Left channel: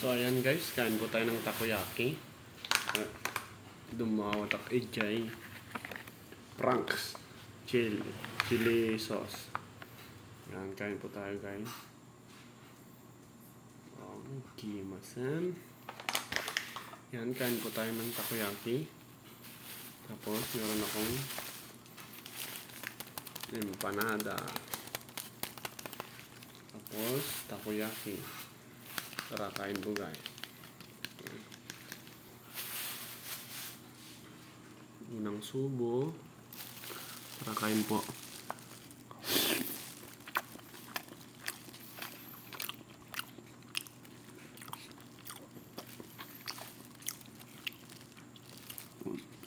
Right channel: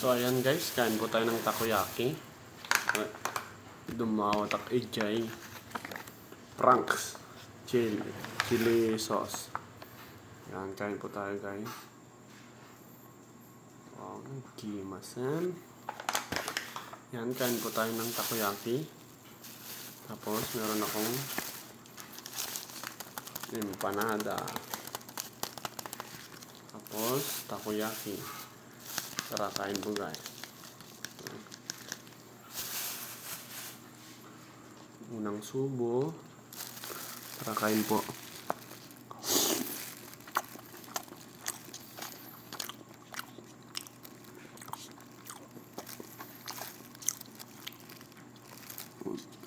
So ayan guys, kain po tayo ng takoyaki. Dumawatak ejay. Franks. Chili sauce. Ayan, kain po tayo guys. Wow, kimasan. Ayan, kain po tayo ng takoyaki. Tapos meron akong empanada. Tapos takoyaki. Tara, kain po guys. Unang subo. Tara, kain po.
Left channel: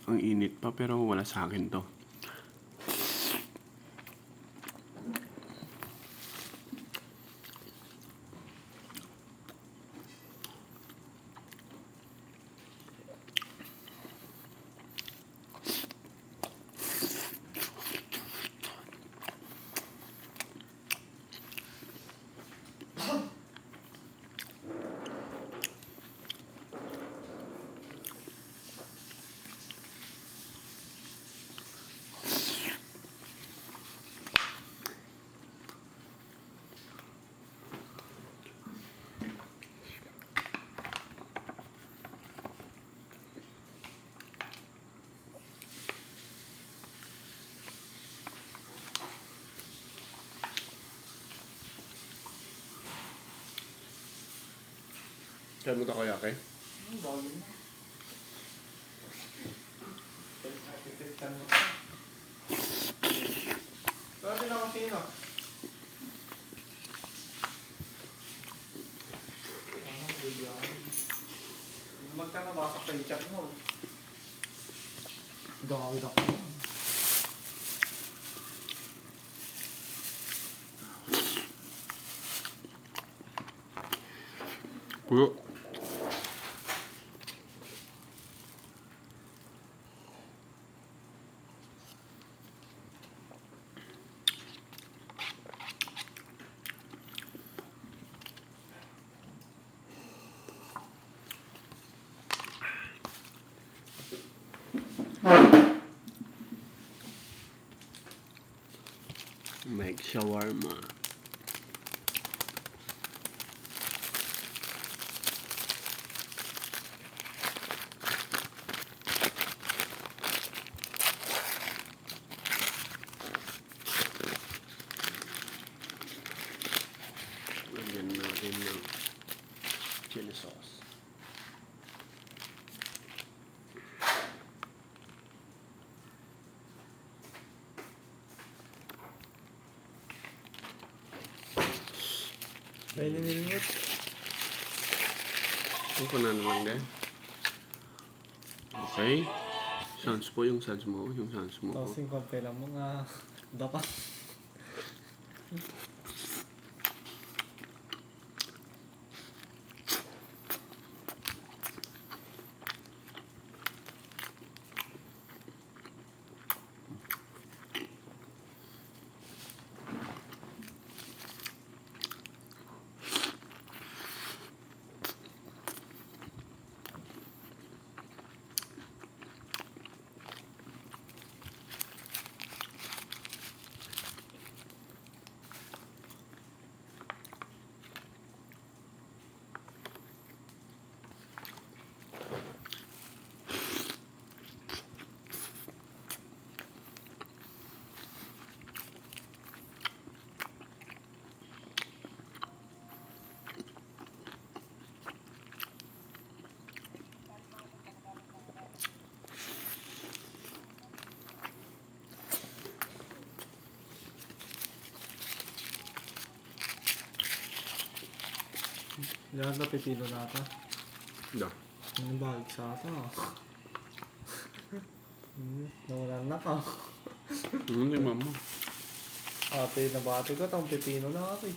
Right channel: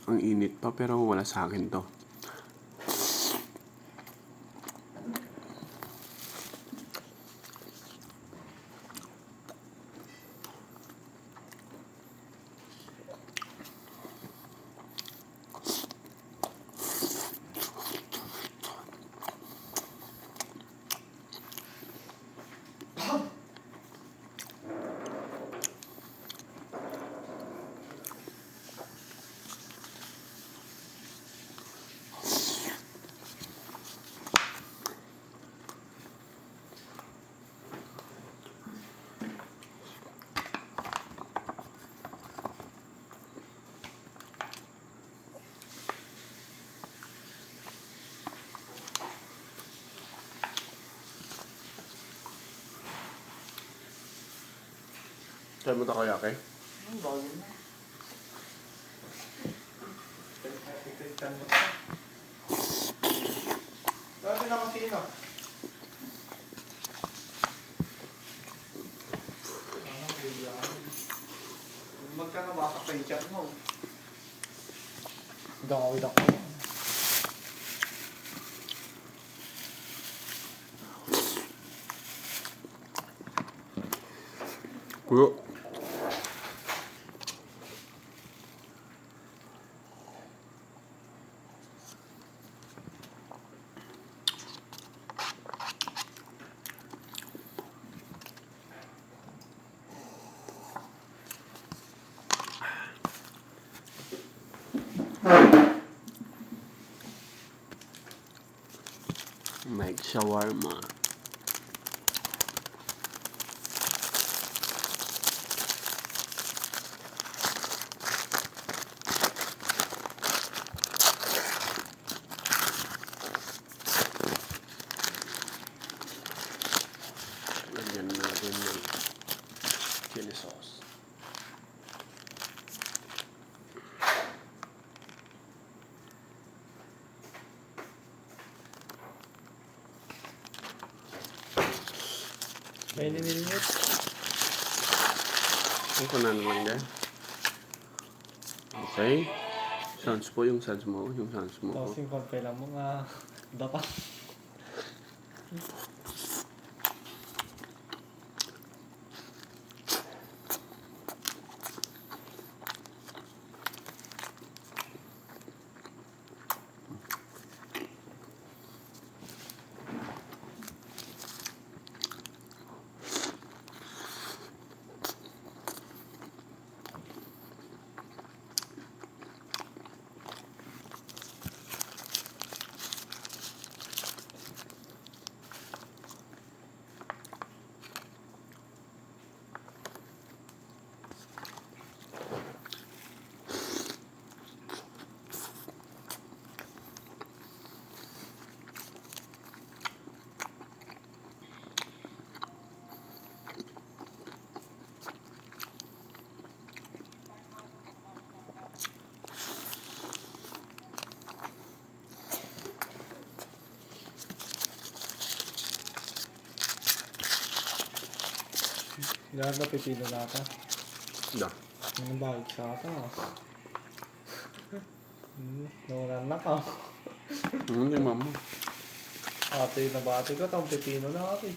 Ang init pa pero wala sa akin to. Try mo takoyaki? Bago na. Ikalitan mo. Bakit na kasi ba? Magkano ba sa chat mo? Gawin ako. Puyo. Make shawarma. Lagyan natin ng chili sauce. May nililit. Ito na naman guys. Okay. Sans po yung sans mo. Yung sans mo. Tapos yung kampela mo nga dapat. Lahat na pipino na ito. Da. Ang bahag sa ito. Nawalan na ka. Hindi mama. Ate, nabati ko itong pipino na ate.